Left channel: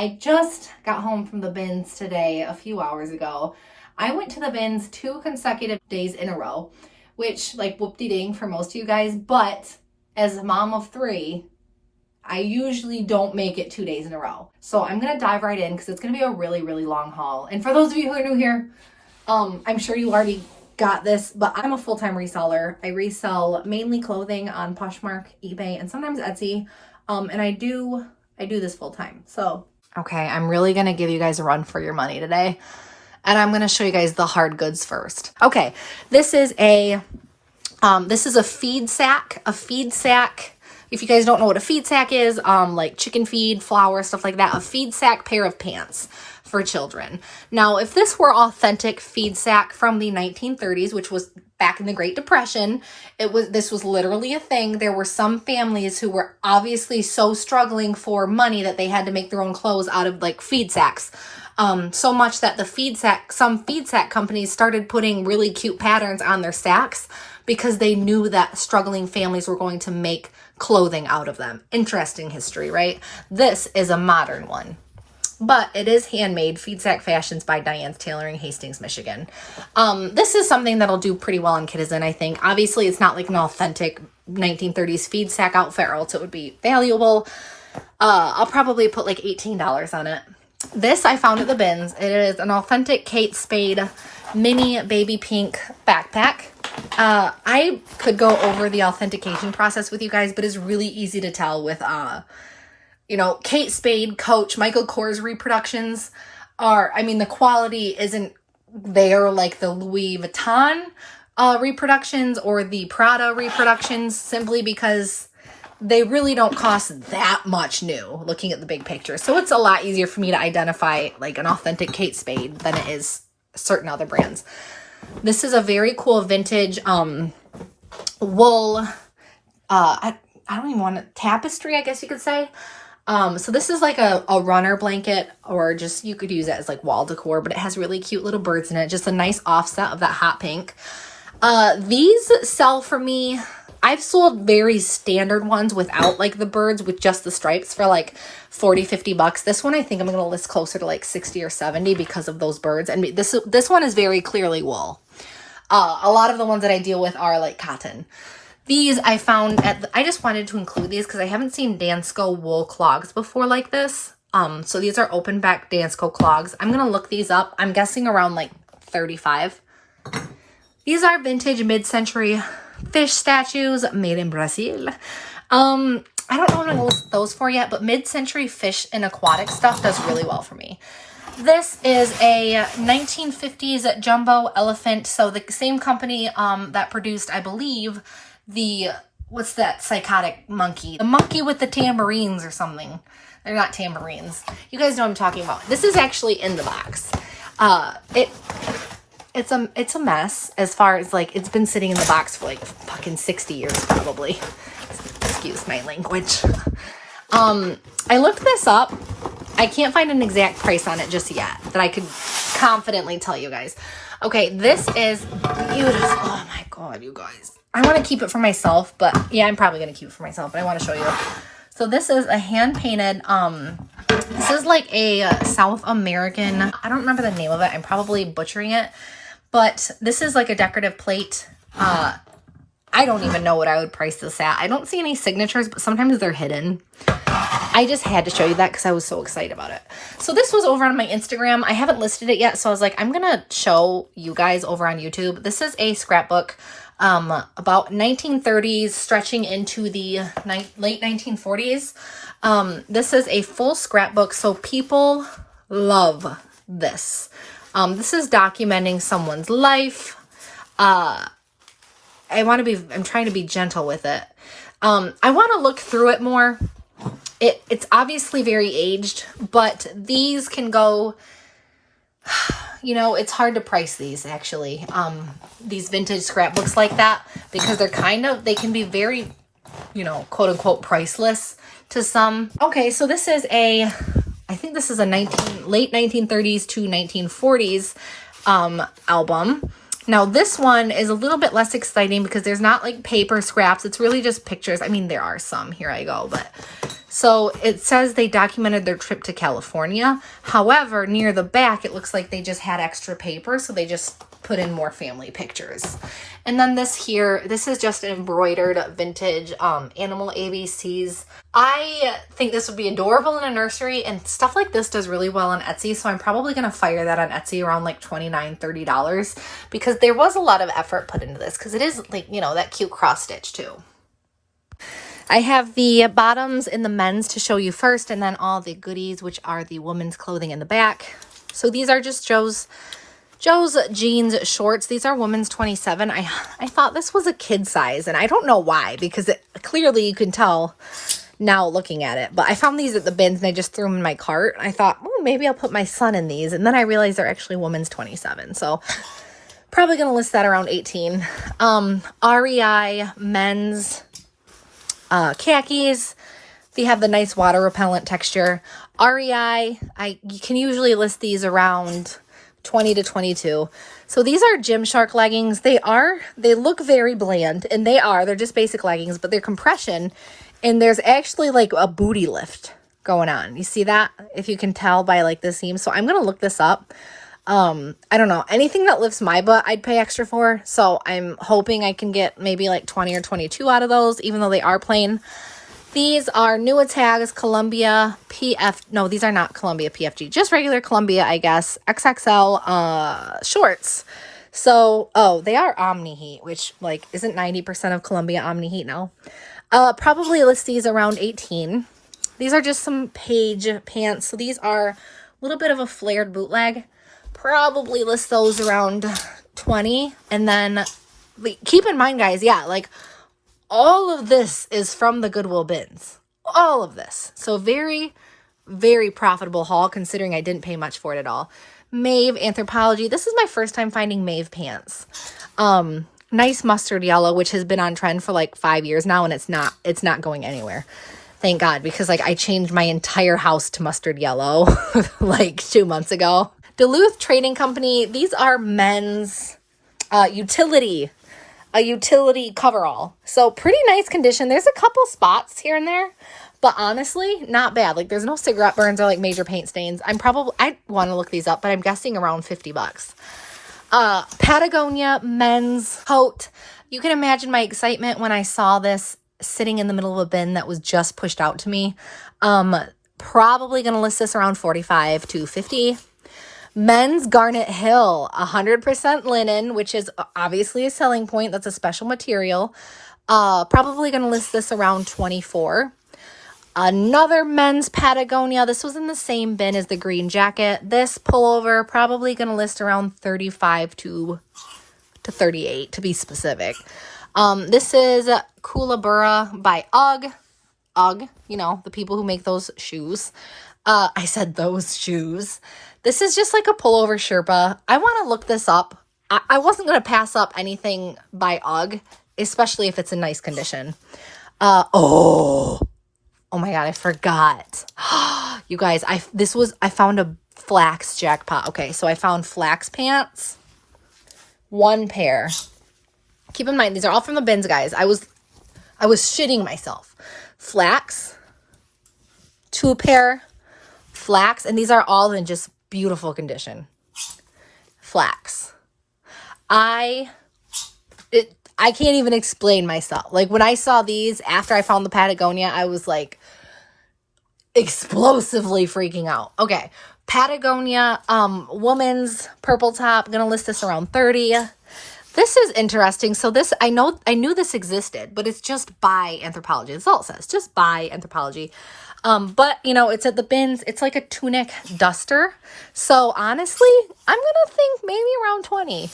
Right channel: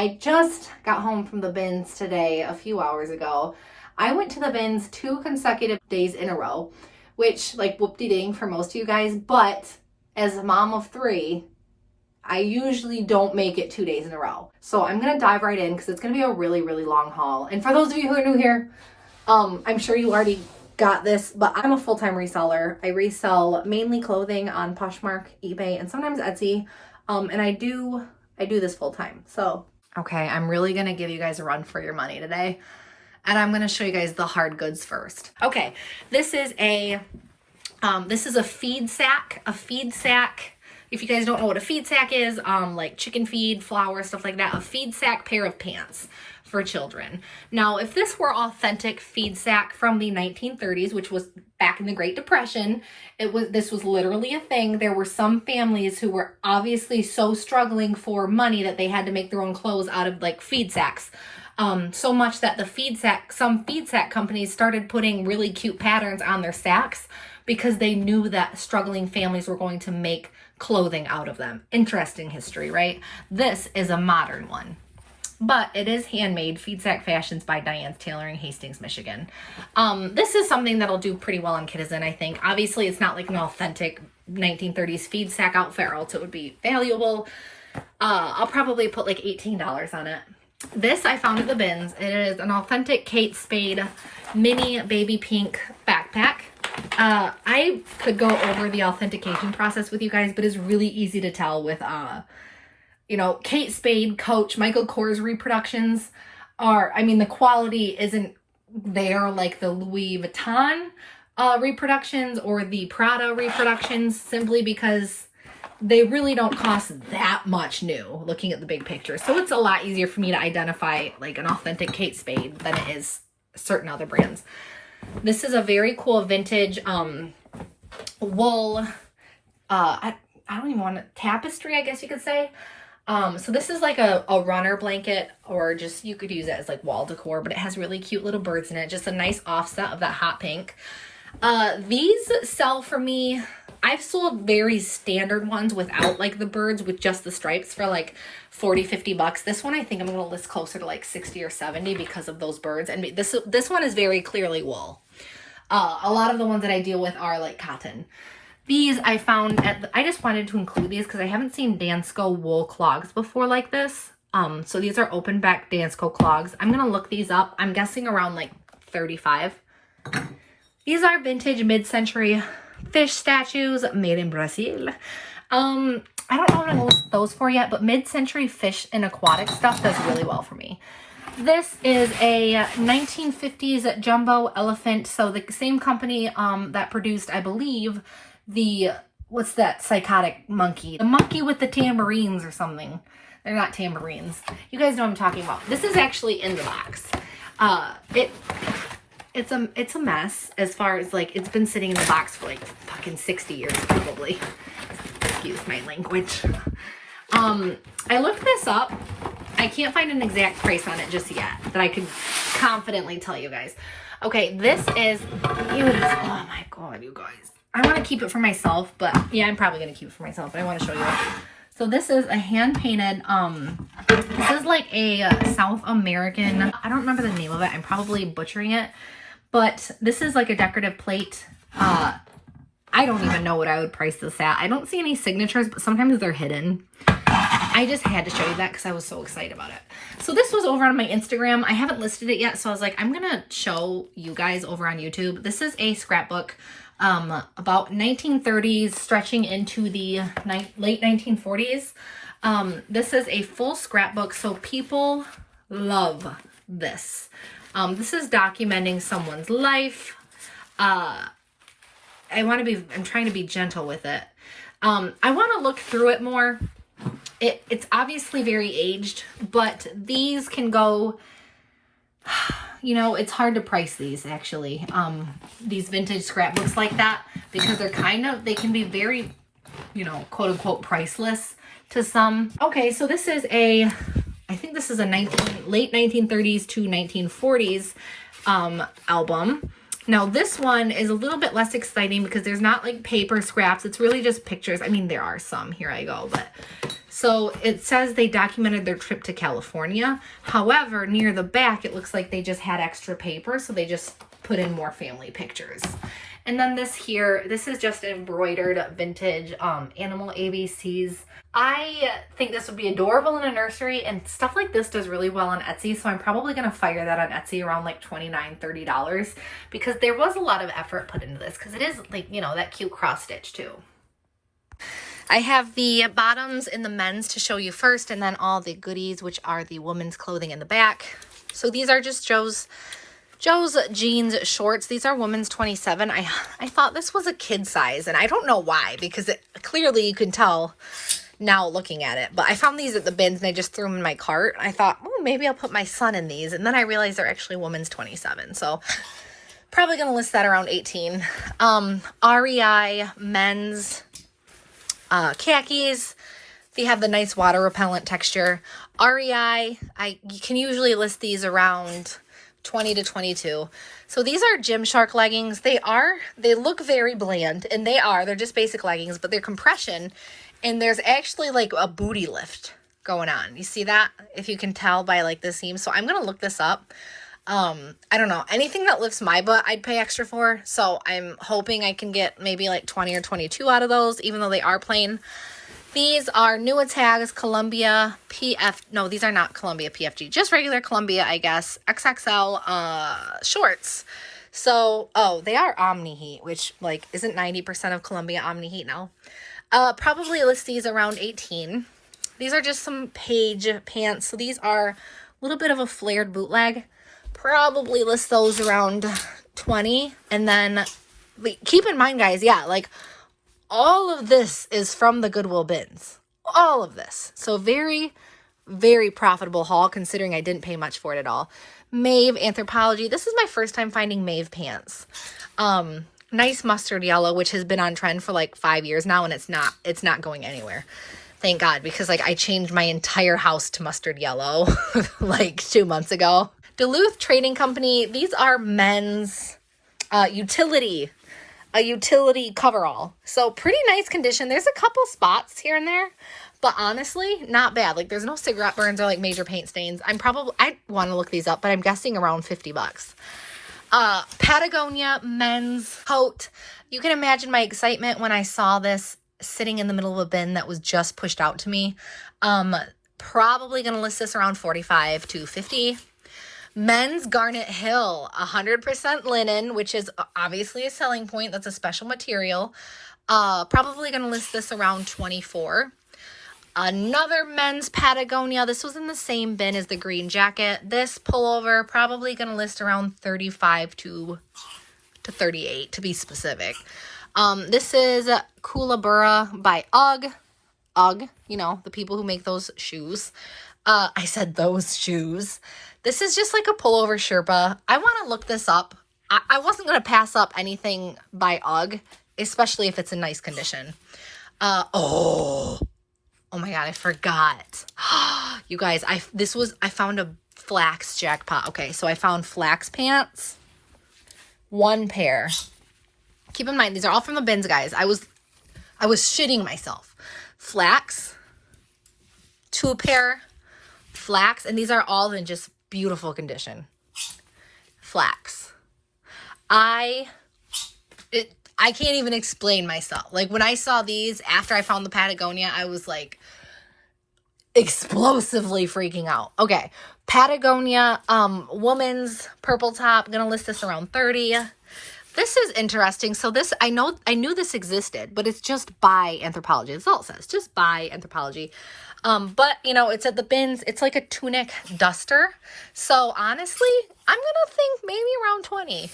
I just got home from the bins today a few hours ago. I went to the bins 2 consecutive days in a row, which like whoop-de-ding for most of you guys, but as a mom of 3, I usually don't make it 2 days in a row. So I'm going to dive right in because it's going to be a really, really long haul. And for those of you who are new here, I'm sure you already got this, but I'm a full-time reseller. I resell mainly clothing on Poshmark, eBay, and sometimes Etsy. And I do this full-time. So, okay, I'm really going to give you guys a run for your money today. And I'm going to show you guys the hard goods first. Okay, this is a feed sack. A feed sack, if you guys don't know what a feed sack is, like chicken feed, flour, stuff like that, a feed sack pair of pants for children. Now, if this were authentic feed sack from the 1930s, which was back in the Great Depression, this was literally a thing. There were some families who were obviously so struggling for money that they had to make their own clothes out of like feed sacks. So much that some feed sack companies started putting really cute patterns on their sacks because they knew that struggling families were going to make clothing out of them. Interesting history, right? This is a modern one, but it is handmade. Feed Sack Fashions by Diane's Tailoring, Hastings, Michigan. This is something that'll do pretty well in Kitizen, I think. Obviously, it's not like an authentic 1930s feed sack outfit, or else it would be valuable. I'll probably put like $18 on it. This I found at the bins. It is an authentic Kate Spade mini baby pink backpack. I could go over the authentication process with you guys, but it's really easy to tell with, Kate Spade, Coach, Michael Kors reproductions the quality isn't there like the Louis Vuitton reproductions or the Prada reproductions, simply because they really don't cost that much new looking at the big picture. So it's a lot easier for me to identify like an authentic Kate Spade than it is certain other brands. This is a very cool vintage wool, I don't even want tapestry, I guess you could say. So this is like a runner blanket, or just you could use it as like wall decor, but it has really cute little birds in it. Just a nice offset of that hot pink. These sell for me. I've sold very standard ones without like the birds, with just the stripes, for like 40, 50 bucks. This one I think I'm going to list closer to like 60 or 70 because of those birds. And this one is very clearly wool. A lot of the ones that I deal with are like cotton. These I found I just wanted to include these because I haven't seen Dansko wool clogs before like this. So these are open back Dansko clogs. I'm going to look these up. I'm guessing around like 35. These are vintage mid-century fish statues made in Brazil. I don't know what I'm going to list those for yet, but mid-century fish and aquatic stuff does really well for me. This is a 1950s jumbo elephant. So the same company that produced, I believe, what's that psychotic monkey? The monkey with the tambourines or something. They're not tambourines. You guys know what I'm talking about. This is actually in the box. It's a mess as far as like it's been sitting in the box for like fucking 60 years probably. Excuse my language. I looked this up. I can't find an exact price on it just yet that I could confidently tell you guys. Okay, this is beautiful. Oh my god, you guys. I want to keep it for myself, but yeah, I'm probably going to keep it for myself, but I want to show you. So this is a hand-painted, this is like a South American, I don't remember the name of it. I'm probably butchering it, but this is like a decorative plate. I don't even know what I would price this at. I don't see any signatures, but sometimes they're hidden. I just had to show you that because I was so excited about it. So this was over on my Instagram. I haven't listed it yet, so I was like, I'm going to show you guys over on YouTube. This is a scrapbook about 1930s stretching into the late 1940s. This is a full scrapbook, so people love this. This is documenting someone's life. I'm trying to be gentle with it. I want to look through it more. It's obviously very aged, but these can go, it's hard to price these actually. These vintage scrapbooks like that, because they can be very, quote unquote priceless to some. Okay, so this is I think this is a late 1930s to 1940s album. Now this one is a little bit less exciting because there's not like paper scraps. It's really just pictures. I mean, there are some. Here I go. But So it says they documented their trip to California. However, near the back, it looks like they just had extra paper. So they just put in more family pictures. And then this here, this is just an embroidered vintage animal ABCs. I think this would be adorable in a nursery, and stuff like this does really well on Etsy. So I'm probably going to fire that on Etsy around like $29, $30, because there was a lot of effort put into this, because it is like, you know, that cute cross stitch too. I have the bottoms in the men's to show you first, and then all the goodies, which are the women's clothing in the back. So these are just Joe's jeans shorts. These are women's 27. I thought this was a kid size, and I don't know why, because clearly you can tell now looking at it. But I found these at the bins, and I just threw them in my cart. I thought, oh, maybe I'll put my son in these. And then I realized they're actually women's 27. So probably going to list that around 18. REI men's khakis. They have the nice water repellent texture. REI, you can usually list these around 20 to 22. So these are Gymshark leggings. They look very bland, and they're just basic leggings, but they're compression, and there's actually like a booty lift going on. You see that? If you can tell by like the seam. So I'm going to look this up. I don't know. Anything that lifts my butt, I'd pay extra for. So I'm hoping I can get maybe like 20 or 22 out of those, even though they are plain. These are new tags, Columbia PF. No, these are not Columbia PFG. Just regular Columbia, I guess. XXL shorts. So, they are Omni Heat, which like isn't 90% of Columbia Omni Heat now. Probably list these around 18. These are just some Page pants. So these are a little bit of a flared bootleg. Probably list those around 20. And then keep in mind, guys, yeah, like all of this is from the Goodwill bins. All of this. So very, very profitable haul, considering I didn't pay much for it at all. Maeve Anthropology. This is my first time finding Maeve pants. Nice mustard yellow, which has been on trend for like 5 years now, and it's not going anywhere. Thank God, because like I changed my entire house to mustard yellow like 2 months ago. Duluth Trading Company. These are men's utility coverall. So pretty nice condition. There's a couple spots here and there, but honestly, not bad. Like there's no cigarette burns or like major paint stains. I want to look these up, but I'm guessing around $50. Patagonia men's coat. You can imagine my excitement when I saw this sitting in the middle of a bin that was just pushed out to me. Probably going to list this around 45 to 50. Men's Garnet Hill, 100% linen, which is obviously a selling point. That's a special material. Probably going to list this around 24. Another men's Patagonia. This was in the same bin as the green jacket. This pullover, probably going to list around 35 to 38, to be specific. This is Kookaburra by UGG. UGG, you know, the people who make those shoes. I said those shoes. This is just like a pullover Sherpa. I want to look this up. I wasn't going to pass up anything by UGG, especially if it's in nice condition. Oh my God, I forgot. You guys, I found a flax jackpot. Okay, so I found flax pants. 1 pair. Keep in mind, these are all from the bins, guys. I was shitting myself. Flax. 2 pair. Flax. And these are all in just beautiful condition. Flax. I can't even explain myself. Like when I saw these after I found the Patagonia, I was like explosively freaking out. Okay. Patagonia, woman's purple top. Gonna list this around 30. This is interesting. So this, I knew this existed, but it's just by Anthropology. That's all it says. Just by Anthropology. But you know, it's at the bins. It's like a tunic duster. So honestly, I'm gonna think maybe around 20.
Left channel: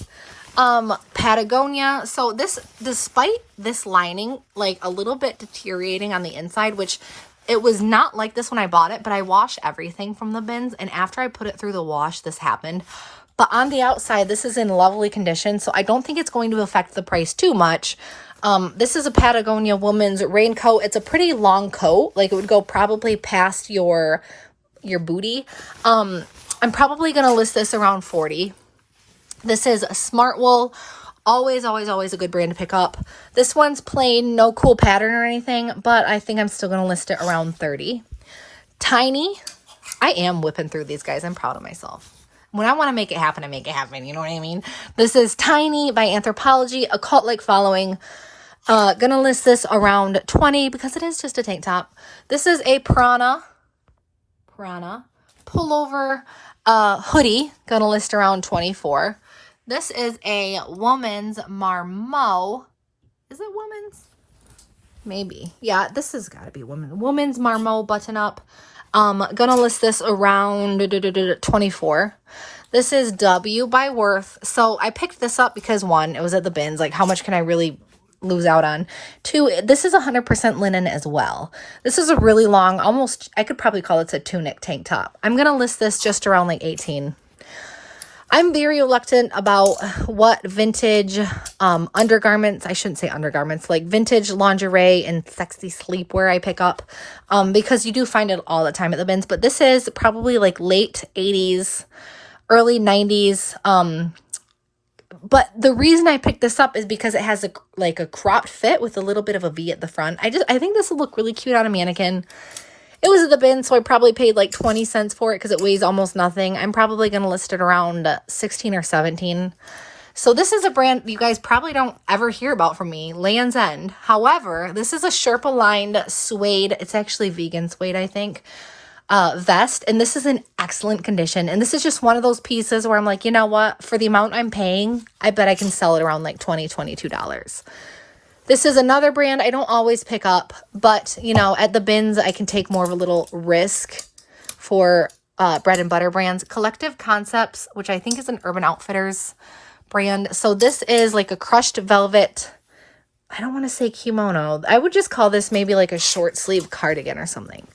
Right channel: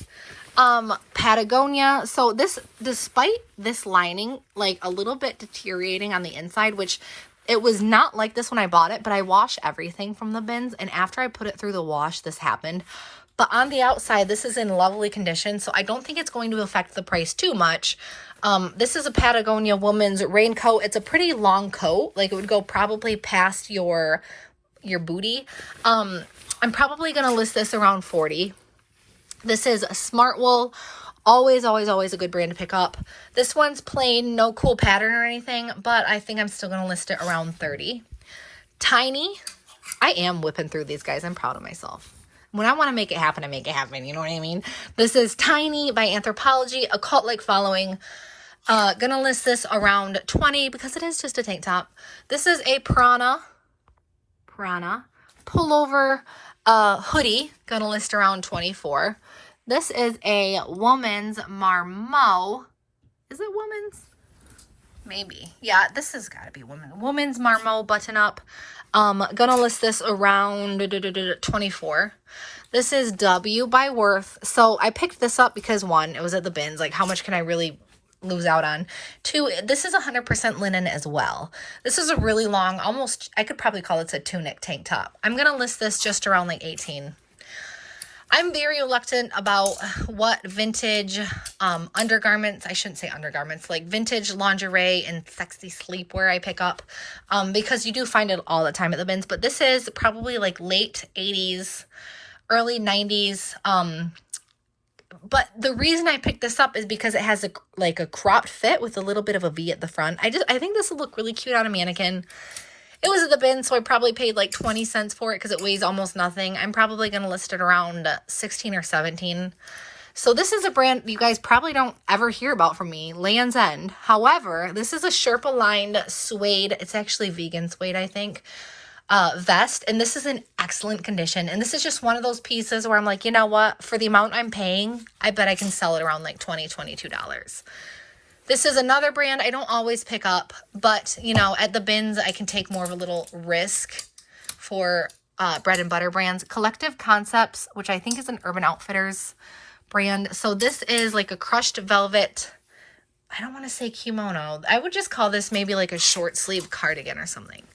Patagonia. So this, despite this lining, like a little bit deteriorating on the inside, which it was not like this when I bought it, but I wash everything from the bins. And after I put it through the wash, this happened. But on the outside, this is in lovely condition. So I don't think it's going to affect the price too much. This is a Patagonia woman's raincoat. It's a pretty long coat. Like it would go probably past your booty. I'm probably going to list this around 40. This is a smart wool Always, always, always a good brand to pick up. This one's plain, no cool pattern or anything, but I think I'm still going to list it around 30. Tiny. I am whipping through these, guys. I'm proud of myself. When I want to make it happen, I make it happen. You know what I mean? This is Tiny by Anthropology, a cult-like following. Gonna list this around 20 because it is just a tank top. This is a Prana pullover hoodie. Gonna list around 24. This is a woman's Marmot. Is it woman's? Maybe. Yeah, this has got to be woman's Marmot button up. Gonna list this around 24. This is W by Worth. So I picked this up because one, it was at the bins. Like, how much can I really lose out on? Two, this is 100% linen as well. This is a really long, almost, I could probably call it a tunic tank top. I'm gonna list this just around like 18. I'm very reluctant about what vintage undergarments, I shouldn't say undergarments, like vintage lingerie and sexy sleepwear I pick up because you do find it all the time at the bins. But this is probably like late 80s, early 90s. But the reason I picked this up is because it has a cropped fit with a little bit of a V at the front. I think this would look really cute on a mannequin. It was at the bin, so I probably paid like 20 cents for it because it weighs almost nothing. I'm probably going to list it around 16 or 17. So this is a brand you guys probably don't ever hear about from me, Land's End. However, this is a Sherpa-lined suede. It's actually vegan suede, I think, vest. And this is in excellent condition. And this is just one of those pieces where I'm like, you know what? For the amount I'm paying, I bet I can sell it around like $20, $22. This is another brand I don't always pick up, but, you know, at the bins, I can take more of a little risk for bread and butter brands. Collective Concepts, which I think is an Urban Outfitters brand. So this is like a crushed velvet, I don't want to say kimono. I would just call this maybe like a short sleeve cardigan or something.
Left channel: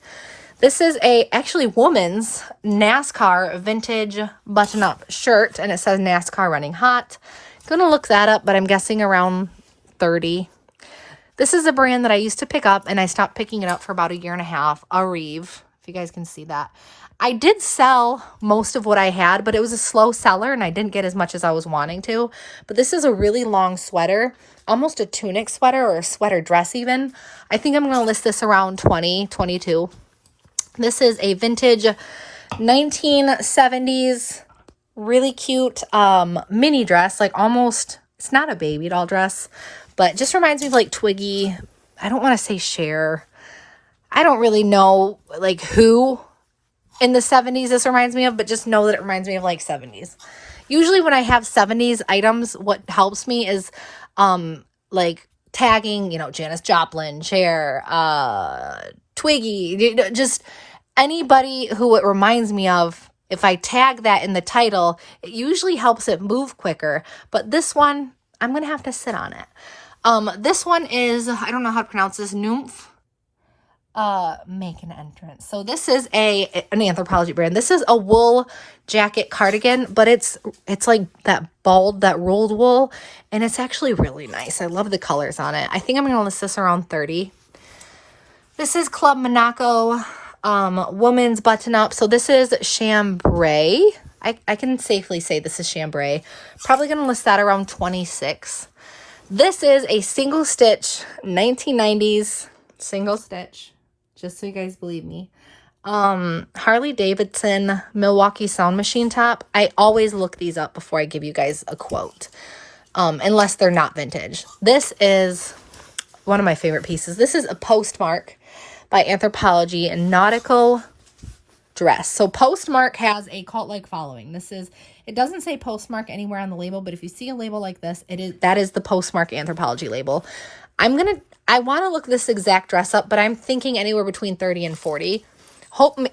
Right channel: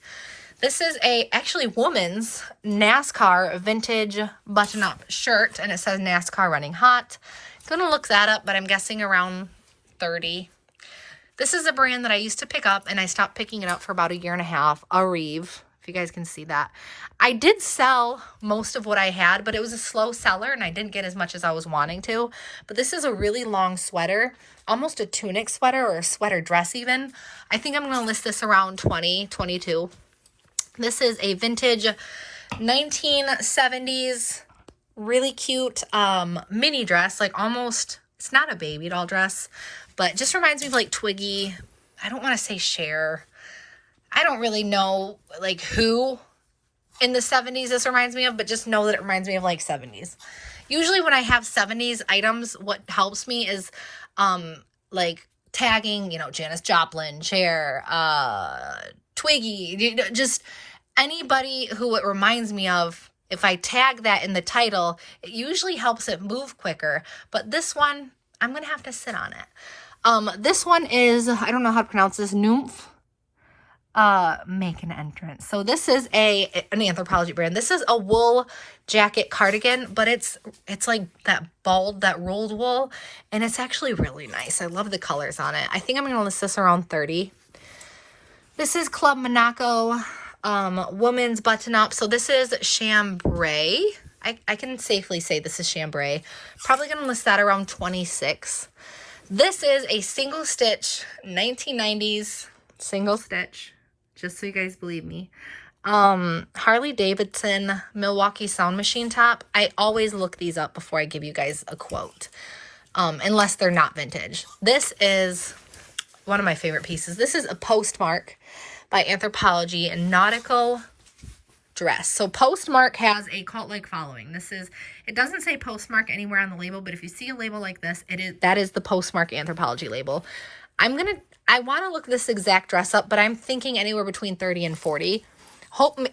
This is actually woman's NASCAR vintage button-up shirt, and it says NASCAR running hot. Gonna look that up, but I'm guessing around 30. This is a brand that I used to pick up, and I stopped picking it up for about a year and a half. Arrive, if you guys can see that. I did sell most of what I had, but it was a slow seller, and I didn't get as much as I was wanting to. But this is a really long sweater, almost a tunic sweater or a sweater dress even. I think I'm going to list this around 20, 22. This is a vintage 1970s, really cute mini dress, like almost, it's not a baby doll dress, but just reminds me of like Twiggy. I don't want to say Cher. I don't really know like who in the 70s this reminds me of, but just know that it reminds me of like 70s. Usually when I have 70s items, what helps me is like tagging, you know, Janis Joplin, Cher, Twiggy, just anybody who it reminds me of. If I tag that in the title, it usually helps it move quicker. But this one, I'm going to have to sit on it. This one is, I don't know how to pronounce this, Nymph. Make an entrance. So this is an Anthropology brand. This is a wool jacket cardigan, but it's like that rolled wool, and it's actually really nice. I love the colors on it. I think I'm going to list this around 30. This is Club Monaco, woman's button up. So this is chambray. I can safely say this is chambray. Probably going to list that around 26. This is a single stitch, 1990s single stitch, just so you guys believe me. Harley Davidson Milwaukee Sound Machine top. I always look these up before I give you guys a quote, unless they're not vintage. This is one of my favorite pieces. This is a Postmark by Anthropology and nautical dress. So Postmark has a cult-like following. It doesn't say Postmark anywhere on the label, but if you see a label like this, that is the Postmark Anthropology label. I want to look this exact dress up, but I'm thinking anywhere between 30 and 40.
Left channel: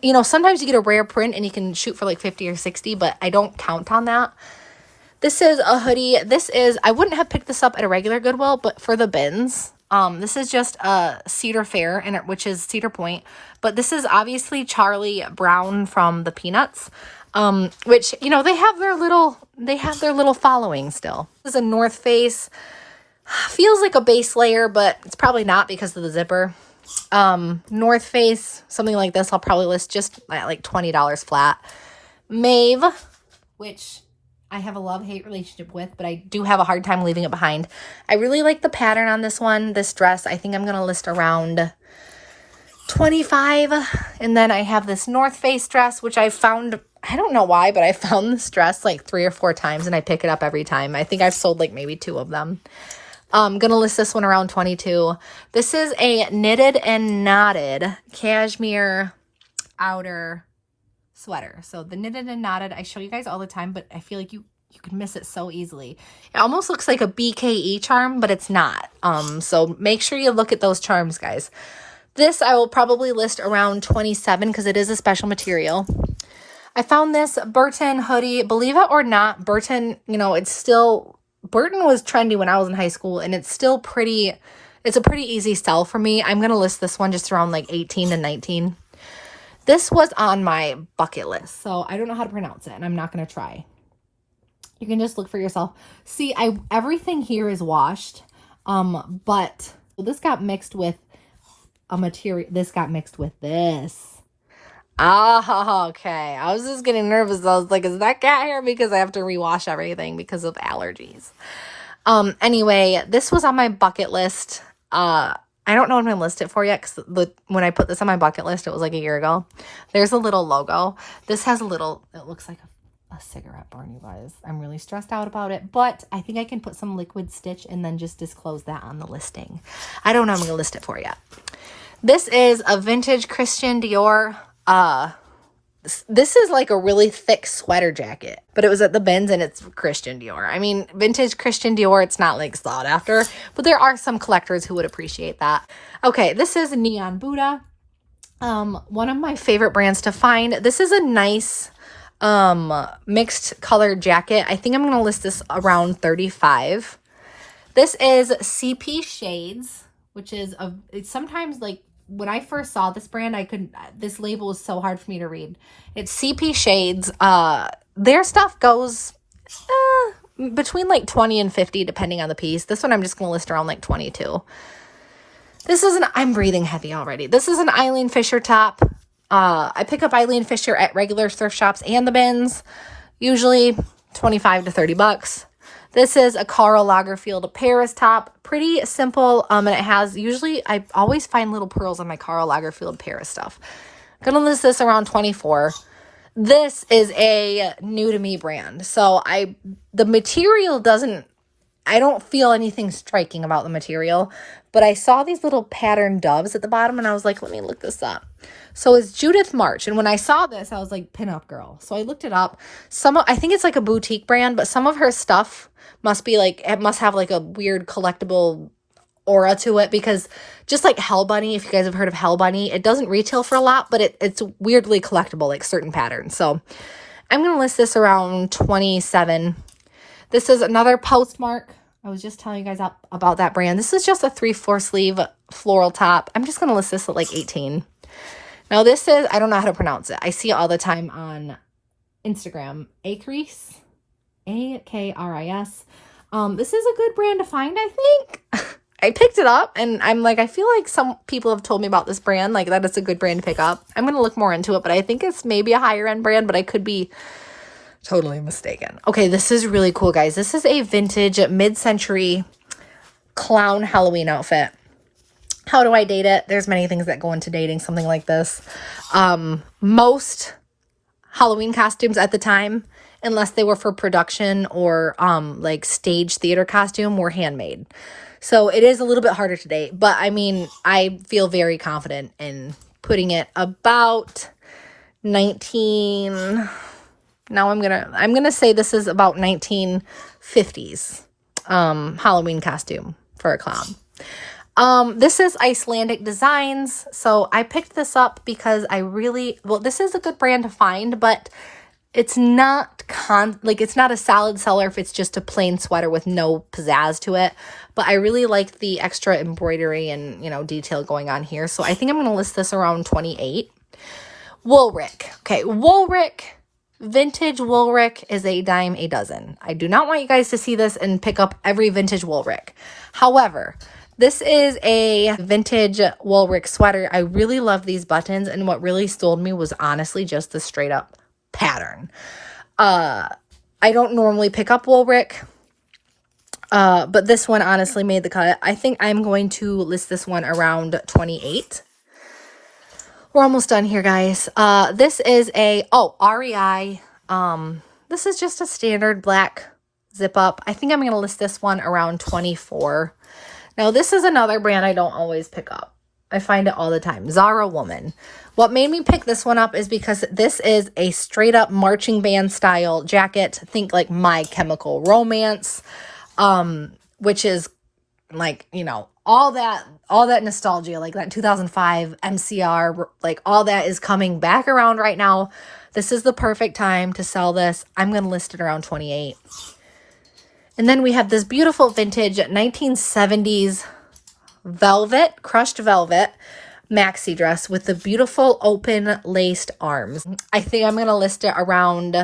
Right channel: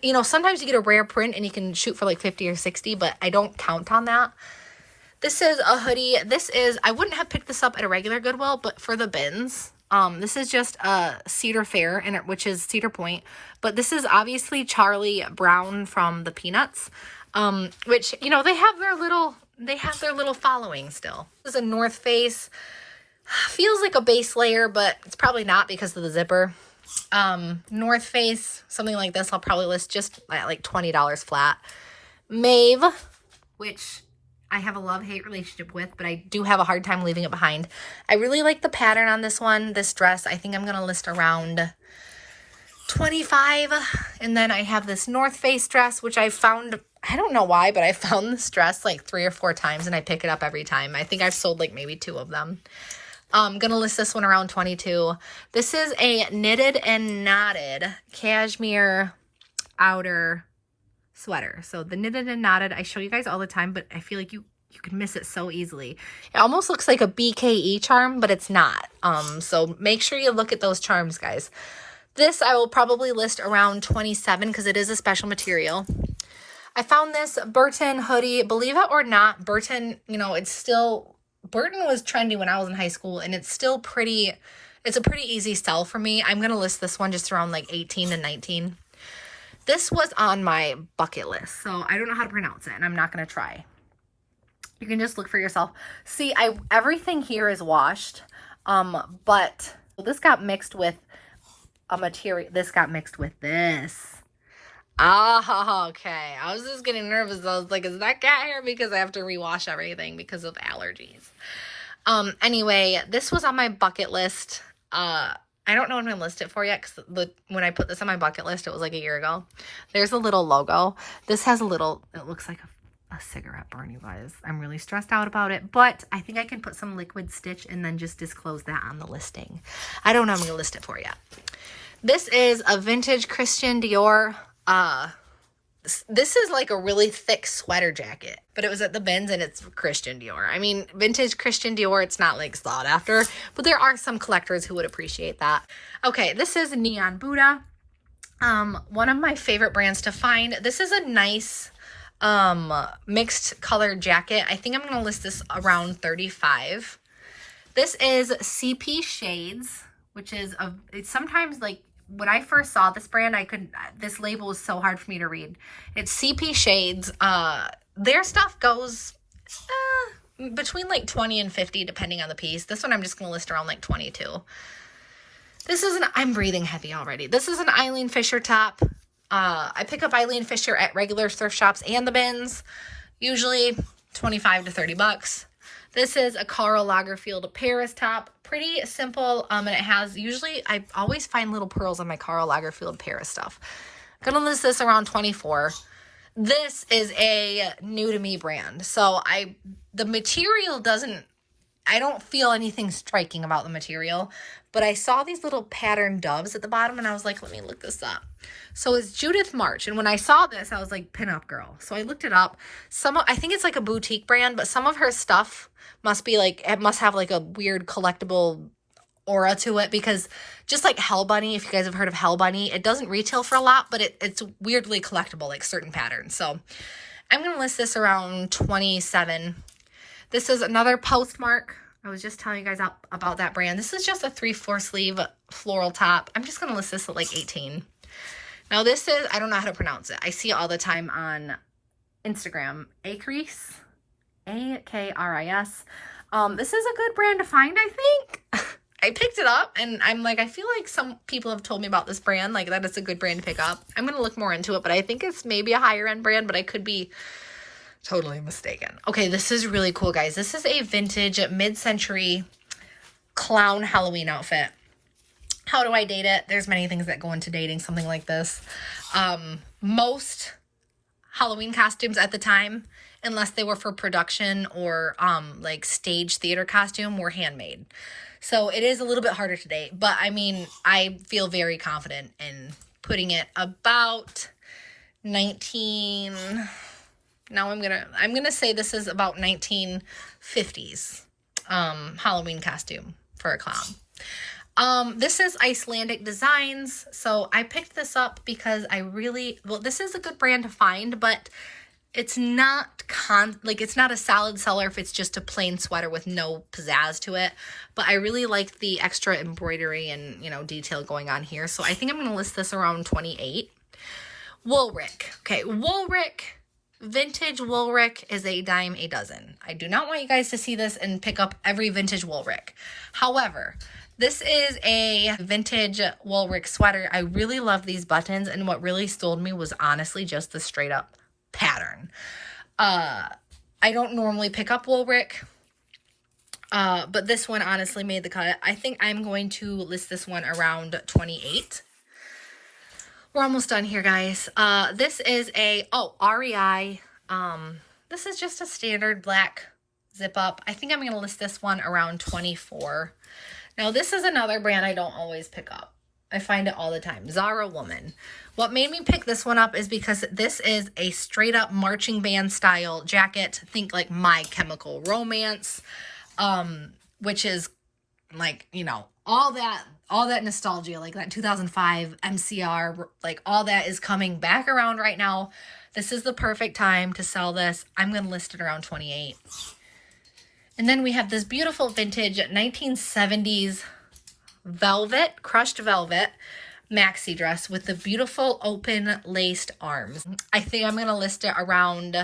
You know, sometimes you get a rare print and you can shoot for like 50 or 60, but I don't count on that. This is a hoodie. I wouldn't have picked this up at a regular Goodwill, but for the bins. This is just a Cedar Fair, which is Cedar Point. But this is obviously Charlie Brown from the Peanuts, which, you know, they have their little following still. This is a North Face. Feels like a base layer, but it's probably not because of the zipper. North Face, something like this, I'll probably list just at like $20 flat. Maeve, which I have a love-hate relationship with, but I do have a hard time leaving it behind. I really like the pattern on this one, this dress. I think I'm going to list around 25. And then I have this North Face dress, which I found, I don't know why, but I found this dress like 3 or 4 times and I pick it up every time. I think I've sold like maybe 2 of them. I'm going to list this one around 22. This is a knitted and knotted cashmere outer sweater. So the knitted and knotted, I show you guys all the time, but I feel like you can miss it so easily. It almost looks like a BKE charm, but it's not. So make sure you look at those charms, guys. This I will probably list around 27 because it is a special material. I found this Burton hoodie. Believe it or not, Burton, you know, Burton was trendy when I was in high school, and it's a pretty easy sell for me. I'm going to list this one just around like 18 to 19. This was on my bucket list, so I don't know how to pronounce it, and I'm not going to try. You can just look for yourself. See, everything here is washed, but this got mixed with a material. This got mixed with this. Oh, okay. I was just getting nervous. I was like, is that cat hair? Because I have to rewash everything because of allergies. Anyway, this was on my bucket list. I don't know if I'm going to list it for yet because when I put this on my bucket list, it was like a year ago. There's a little logo. This has it looks like a cigarette burn, you guys. I'm really stressed out about it, but I think I can put some liquid stitch and then just disclose that on the listing. I don't know if I'm going to list it for yet. This is a vintage Christian Dior. This is like a really thick sweater jacket, but it was at the bins and it's Christian Dior. I mean, vintage Christian Dior, it's not like sought after, but there are some collectors who would appreciate that. Okay, this is Neon Buddha. One of my favorite brands to find. This is a nice mixed color jacket. I think I'm going to list this around 35. This is CP Shades, which is it's sometimes like when I first saw this brand, this label was so hard for me to read. It's CP Shades. Their stuff goes between like 20 and 50 depending on the piece. This one I'm just going to list around like 22. I'm breathing heavy already. This is an Eileen Fisher top. I pick up Eileen Fisher at regular thrift shops and the bins, usually 25 to 30 bucks. This is a Karl Lagerfeld Paris top. Pretty simple, and it has, I always find little pearls on my Karl Lagerfeld Paris stuff. I'm going to list this around 24. This is a new to me brand. So the material I don't feel anything striking about the material, but I saw these little patterned doves at the bottom and I was like, let me look this up. So it's Judith March. And when I saw this, I was like, pinup girl. So I looked it up. I think it's like a boutique brand, but some of her stuff it must have like a weird collectible aura to it, because just like Hell Bunny, if you guys have heard of Hell Bunny, it doesn't retail for a lot, but it's weirdly collectible, like certain patterns. So I'm going to list this around 27. This is another Postmark. I was just telling you guys about that brand. This is just a 3/4 sleeve floral top. I'm just going to list this at like 18. Now this is, I don't know how to pronounce it. I see it all the time on Instagram. Akris. Akris. This is a good brand to find, I think. I picked it up and I'm like, I feel like some people have told me about this brand, like that it's a good brand to pick up. I'm going to look more into it, but I think it's maybe a higher end brand, but I could be totally mistaken. Okay, this is really cool, guys. This is a vintage mid-century clown Halloween outfit. How do I date it? There's many things that go into dating something like this. Most Halloween costumes at the time, unless they were for production or like stage theater costume, were handmade. So it is a little bit harder to date, but I mean, I feel very confident in putting it about 19. Now I'm gonna say this is about 1950s Halloween costume for a clown. This is Icelandic Designs. So I picked this up because this is a good brand to find, but it's not it's not a solid seller if it's just a plain sweater with no pizzazz to it. But I really like the extra embroidery and, detail going on here. So I think I'm going to list this around 28. Woolrich. Okay, Woolrich. Vintage Woolrich is a dime a dozen. I do not want you guys to see this and pick up every vintage Woolrich. However, this is a vintage Woolrich sweater. I really love these buttons, and what really sold me was honestly just the straight up pattern. I don't normally pick up Woolrich, but this one honestly made the cut. I think I'm going to list this one around 28. We're almost done here, guys. This is a, REI. This is just a standard black zip up. I think I'm going to list this one around 24. Now, this is another brand I don't always pick up. I find it all the time. Zara Woman. What made me pick this one up is because this is a straight up marching band style jacket. Think like My Chemical Romance, which is like, you know, all that nostalgia, like that 2005 MCR, like all that is coming back around right now. This is the perfect time to sell this. I'm going to list it around 28. And then we have this beautiful vintage 1970s velvet, crushed velvet maxi dress with the beautiful open laced arms. I think I'm going to list it around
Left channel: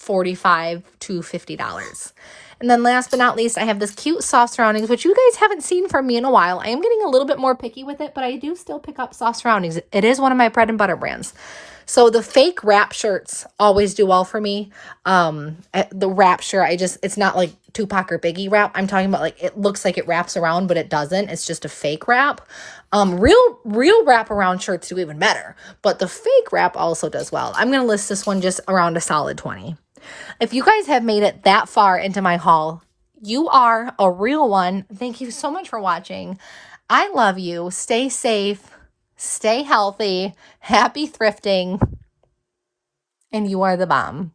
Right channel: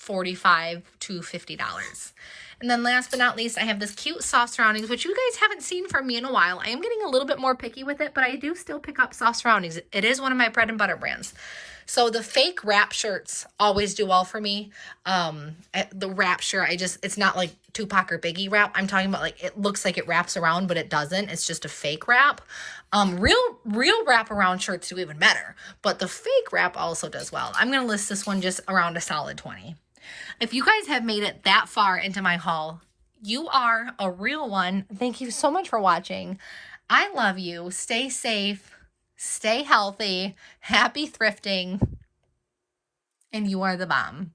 $45 to $50. And then last but not least, I have this cute soft surroundings, which you guys haven't seen from me in a while. I am getting a little bit more picky with it, but I do still pick up soft surroundings. It is one of my bread and butter brands. So the fake wrap shirts always do well for me. The wrap shirt, it's not like Tupac or Biggie wrap. I'm talking about like, it looks like it wraps around, but it doesn't. It's just a fake wrap. Real wrap around shirts do even better, but the fake wrap also does well. I'm going to list this one just around a solid 20. If you guys have made it that far into my haul, you are a real one. Thank you so much for watching. I love you. Stay safe. Stay healthy. Happy thrifting. And you are the bomb.